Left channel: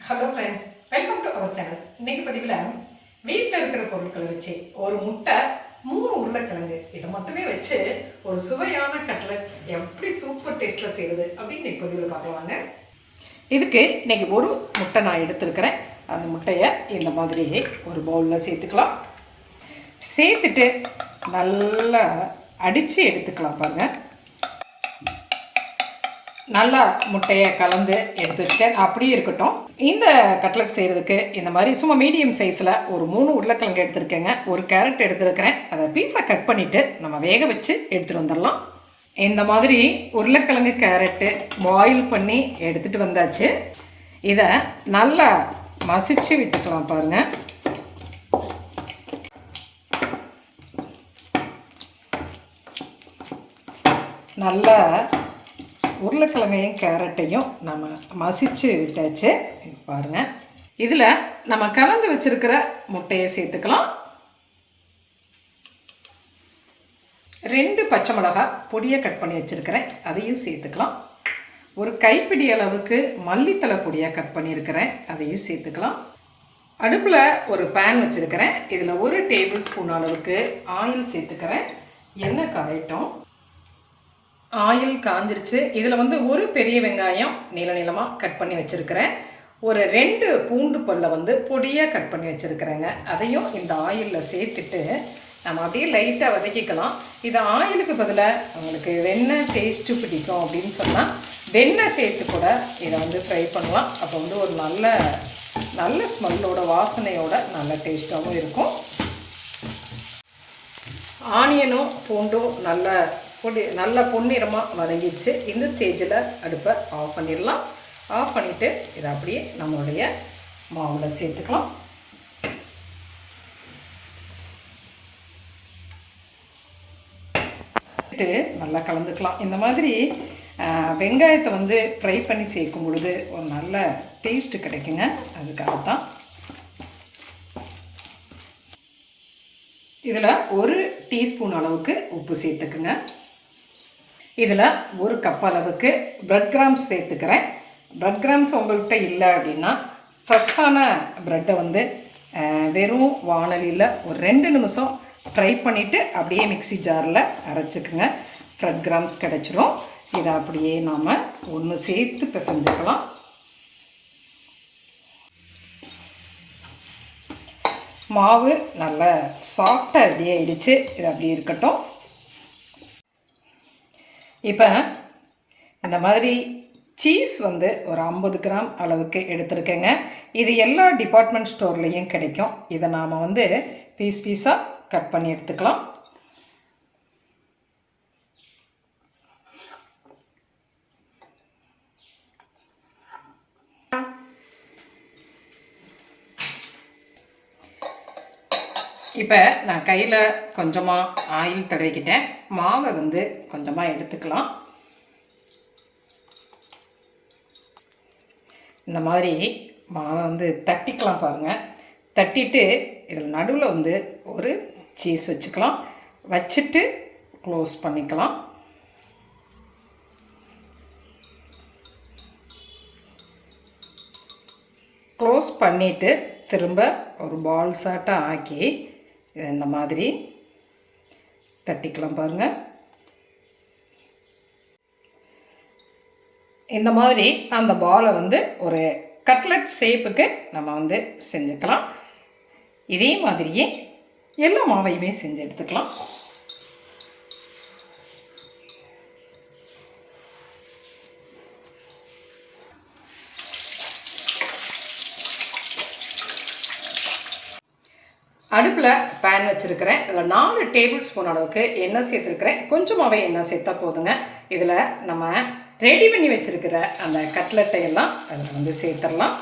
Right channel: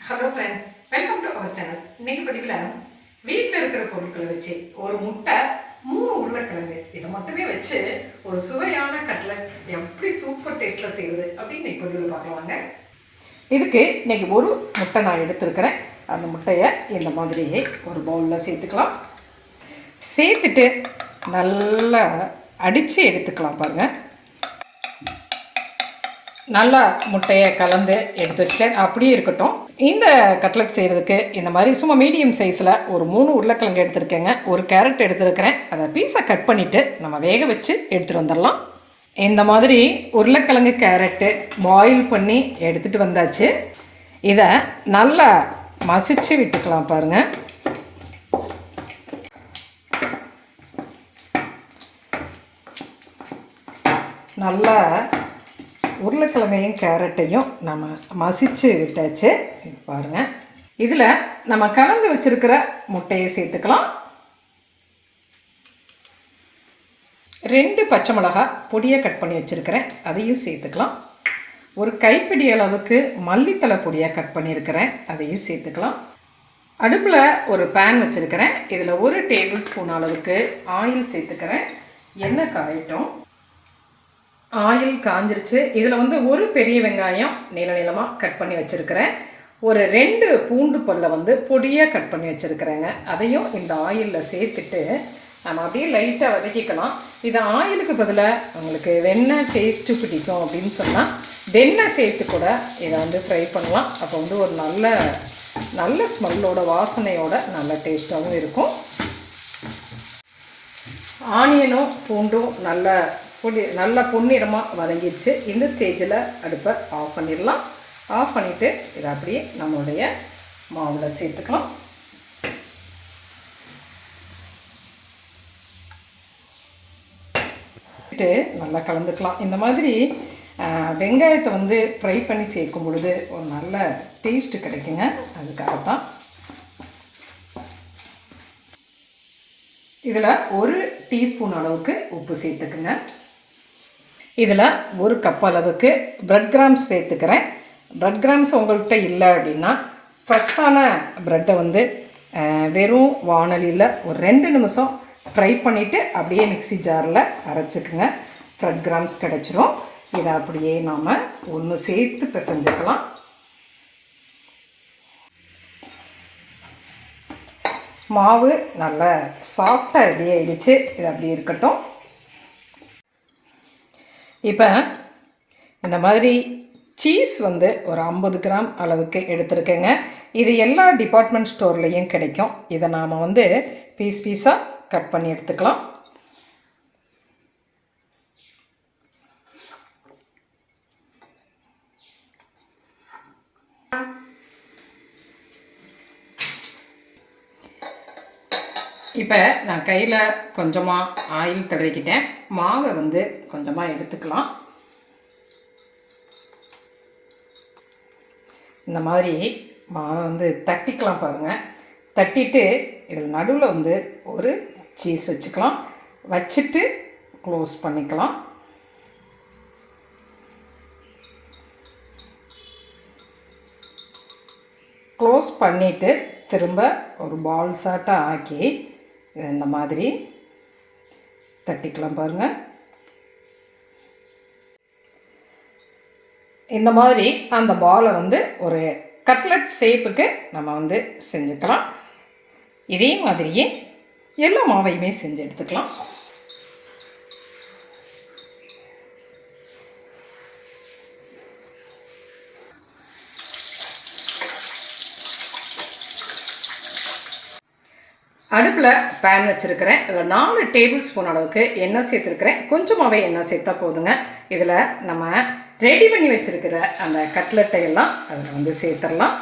Hello friends welcome to our channel இன்னைக்கு பதிவில் வீட்டில் இருக்கிற பொருட்களை வச்சு ஒரு முட்டை மூணு உருளைக்கிழங்கு இதை மட்டுமே வச்சு ஒரு சுவையான கட்லட் எப்படி சூப்பர் டேஸ்ட்டில் செய்யுது அப்படின்னு இன்னைக்கு பதிவில் பார்க்கலாங்க இதுக்கு இன்னைக்கு ஒரு முட்டை நான் எடுத்துருக்கிறேன். அந்த முட்டையை இந்த மாதிரியே ஒரு பவுலில் சேர்த்துக்கலாம். சேர்த்துட்டு நல்லா அடித்து எடுத்துக்கலாம் பாருங்கள் நல்லா முட்டையை கலந்து எடுத்து வச்சுட்டேன் அப்படியே இருக்கட்டும். இந்த கட்லட் செய்கிறதுக்கு இந்த மாதிரி சும்மா மீடியம் சைஸில் ஒரு மூணு உருளைக்கிழங்கு எடுத்துருக்கேங்க. ஒரு கேரட் எடுத்துருக்கிறேன். அதை பீஸை கட் பண்ணிவிட்டு நம்ம வேக வச்சு எடுத்துகிட்டு வந்துடலாம். இந்த மாதிரி உருளைக்கிழங்கு கேரட்டு பாயில் பண்ணி எடுத்துகிட்டு வந்தாச்சு. இதை நல்லா மசிச்சு விட்டுக்கலாம் பாருங்கள் நல்லா உருளைக்கிழங்கையும் கேரட்டையும் நம்ம மசிச்சு விட்டாச்சு. பாருங்கள் இதில் நம்ம கலந்து வச்சுருக்கிற முட்டையை சேர்த்துக்கலாம். ரெண்டு பச்சை மிளகா பொடியை கட் பண்ணி வச்சுருக்கிறேன். அதையும் சேர்த்துக்கலாம். ஒரு கைப்பிடி அளவுக்கு மல்லித்தலை பொடியாக கட் பண்ணியிருக்கிறேன். அதையும் சேர்த்துக்கலாம். அடுப்பில் ஒரு பேன் வச்சுருக்கிறேன். இதில் ஒரு டேபிள் ஸ்பூன் அளவுக்கு ஆயில் சேர்த்துக்கிறேன். எண்ணெய் காயட்டும். ஆயில் காஞ்சிருச்சு. இதில் வந்து ஒரு பெரிய வெங்காயம் நீள நீளமாக கட் பண்ணி வச்சுருக்கிறேன். ஒரு ரெண்டு பூண்டு பல்லை வந்து பொடியாக கட் பண்ணி வச்சுருக்கிறேங்க. அதையும் இந்த ஆயிலில் சேர்த்துட்டு நம்ம அப்படியே லைட்டாக வதக்கிக்கலாம். இது ஆயிலுக்கு பதிலாக உங்களுக்கு வெண்ணெய் டேஸ்ட்டு பிடிக்கும் அப்படின்னு சொன்னால் வெண்ணெய் சேர்த்து கூட இதை வந்து ஃப்ரை பண்ணலாம். அப்போ வந்து ஒரு நல்ல நல்ல ஸ்மெல்லோட வாசனையோட நல்ல டேஸ்ட்டாகவும் இருக்கும். ஆனியனும் பூண்டும் நல்ல பொடி நல்ல பொன்னிறமாக வதங்கிடுச்சு. இந்த ஸ்டேஜில் அடுப்பை ஆஃப் பண்ணிடலாம். ஆஃப் பண்ணிவிட்டு இதை அப்படியே நம்மளுடைய மாவில் சேர்த்துக்கலாம். நல்லா கலந்துக்கலாம். இந்த மாதிரி வெங்காயத்தை வந்து ஃப்ரை பண்ணி சேர்க்கும் பொழுது ஒரு நல்ல டேஸ்ட்டு கிடைக்குங்க. அதுக்காக தான் இதில் ஒரு டீஸ்பூன் அளவுக்கு உப்பு சேர்த்துக்குங்க. இதில் ஒரு கப் அளவுக்கு ப்ரெட் கிராம்ஸ் சேர்த்துக்கிறேன். ப்ரெட் கிராம்ஸ் உங்கள்கிட்ட இல்லை அப்படின்னா ஃப்ரெஷ்ஷான ப்ரெட்டை வந்து வெறும் வானலியில் ஒரு ரெண்டு நிமிஷம் ஃப்ரை பண்ணிவிட்டு அப்படியே மிக்சி ஜாரில் அரைச்சிக்குங்க. ப்ரெட் கிராம்ஸ் கிடச்சிரும். இதை அப்படியே நாம் ஒன்று சேர்த்து பிசைஞ்சுக்கலாம். மாவு நல்லா சாஃப்டாக ரெடி ஆகிடுச்சு இது அப்படி இருக்கட்டும். இப்போ இந்த மாதிரி சீஸ் வந்து ஒரு ஐம்பது கிராம் அளவுக்கு எடுத்துருக்கேங்க. இது எல்லா டிபார்ட்மெண்ட் ஸ்டோர்லேயும் கிடைக்கும். இதை நாம் வந்து பீஸ் பீஸாக கட் பண்ணி எடுத்துக்கலாம். இப்போ நான் கையில் கொஞ்சமாக ஆயில் தடவிக்கிட்டேன். மாவை வந்து கொஞ்சமாக எடுத்துக்கலாம். இந்த மாதிரி மாவை வந்து தட்டிக்கலாம் பாருங்கள் தட்டிட்டு இதில் நடுவில் வந்து ஒரு சீஸ் வச்சுக்கலாம். வச்சுட்டு க்ளோஸ் பண்ணிக்கலாம். க்ளோஸ் பண்ணிவிட்டு திரும்ப ஒரு பால்ஸாட்டம் ஆக்கி இந்த மாதிரி தட்டிக்கலாம் பாருங்கள் இந்த மாதிரி அந்த பாலை வந்து ஒரு கட்லட் ஷேப்புக்கு நம்ம வந்து செஞ்சுக்கலாம். இதே மாதிரியே எல்லா மாவையுமே செஞ்சு எடுத்துக்கலாம். அடுப்பில் பேன் வச்சுருக்கிறேன். இதில் நாலு டேபிள் ஸ்பூன் அளவுக்கு எண்ணெய் சேர்த்துருக்கிறேன். கொஞ்சமாகவே எண்ணெய் சேர்த்தா போதுங்க. இதில் நம்ம ரெடி பண்ணி வச்சுருக்கிற அந்த கட்லெட்டை எல்லாம் அதில் வந்து சேர்த்துடலாம்.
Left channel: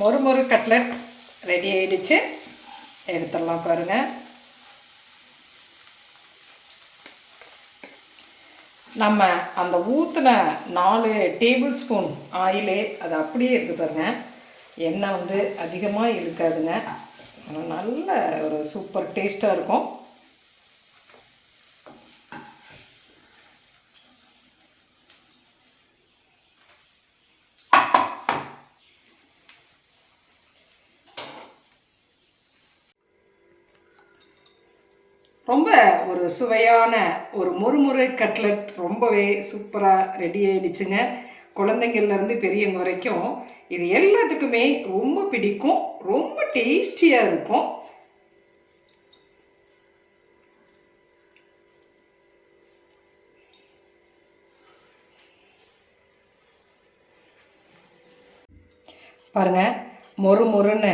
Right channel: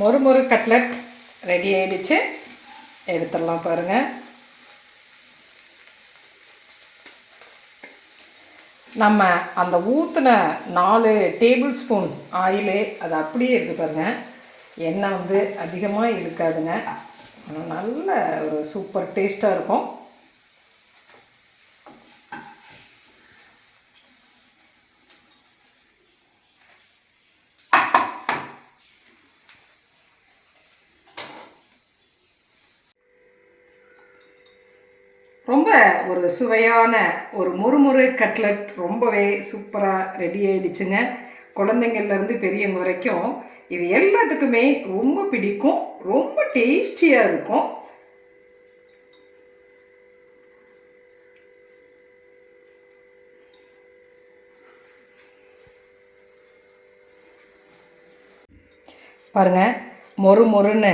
மொறு மொறு கட்லட் ரெடி ஆயிடுச்சு. எடுத்துடலாம் பாருங்கள் நம்ம அந்த ஊற்றின நாலு டேபிள் ஸ்பூன் ஆயிலே அது அப்படியே இருக்குது பாருங்க. எண்ணெய் வந்து அதிகமாக இருக்காதுங்க நல்ல ஒரு சூப்பர் டேஸ்ட்டாக இருக்கும். ரொம்ப ஒரு சுவையான ஒரு முறுமுறு கட்லட் ரொம்பவே சூப்பராக ரெடி ஆகிடுச்சுங்க குழந்தைங்கள்லேருந்து பெரியவங்க வரைக்கும் இது எல்லாத்துக்குமே ரொம்ப பிடிக்கும் ரொம்ப டேஸ்டியாக இருக்கும். பாருங்கள் மொறு மொறுன்னு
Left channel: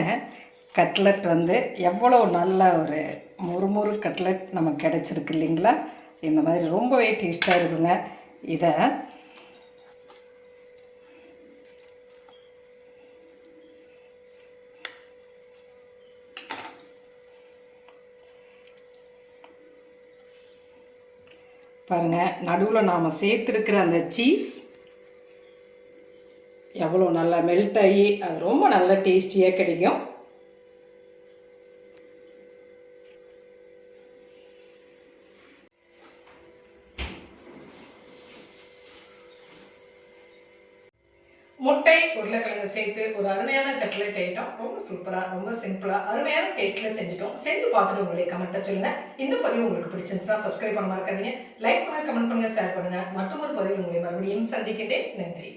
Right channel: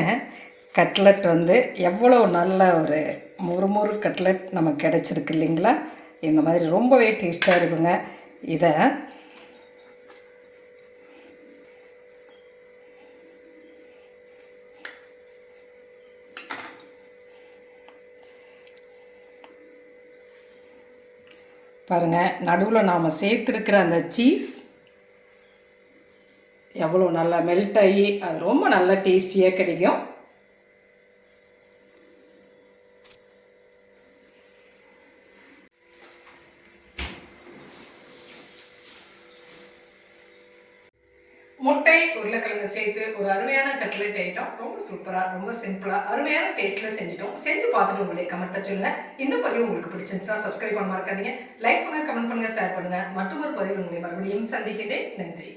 கட்லட் வந்து எவ்வளோ நல்ல ஒரு மொறு மொறு கட்லட் நமக்கு கிடச்சிருக்கு இல்லைங்களா? இந்த மாதிரி ரொம்பவே டேஸ்ட்டாக இருக்குங்க. இதை பாருங்கள் நடுவில் நாம் சேர்த்துருக்கிற அந்த சீஸ் எவ்வளோ நல்லா மெல்ட் ஆகி அது ரொம்ப நல்லா டேஸ்டியாக கிடைக்கும். முட்டை உருளைக்கிழங்கு சேர்த்து ஒரு அருமையான கட்லெட் ஐட்டம் ரொம்ப சூப்பராக ரொம்ப சிம்பிளாக அருமையான டேஸ்ட்டில் செஞ்சுட்டோம். செஞ்சு பார்த்துட்டு உங்களை கமெண்ட்டை சொல்லுங்கள் இந்த பதிவு உங்களுக்கு பிடிச்சிருந்துச்சுன்னா சப்ஸ்கிரைப் பண்ண மறக்காதீங்க. லைக் பண்ணுங்கள் கமெண்ட் பண்ணுங்கள் ஷேர் பண்ணுங்கள் மற்றொரு பதிவு உங்களை மறுபடியும் சந்திக்கின்றேன். நன்றி.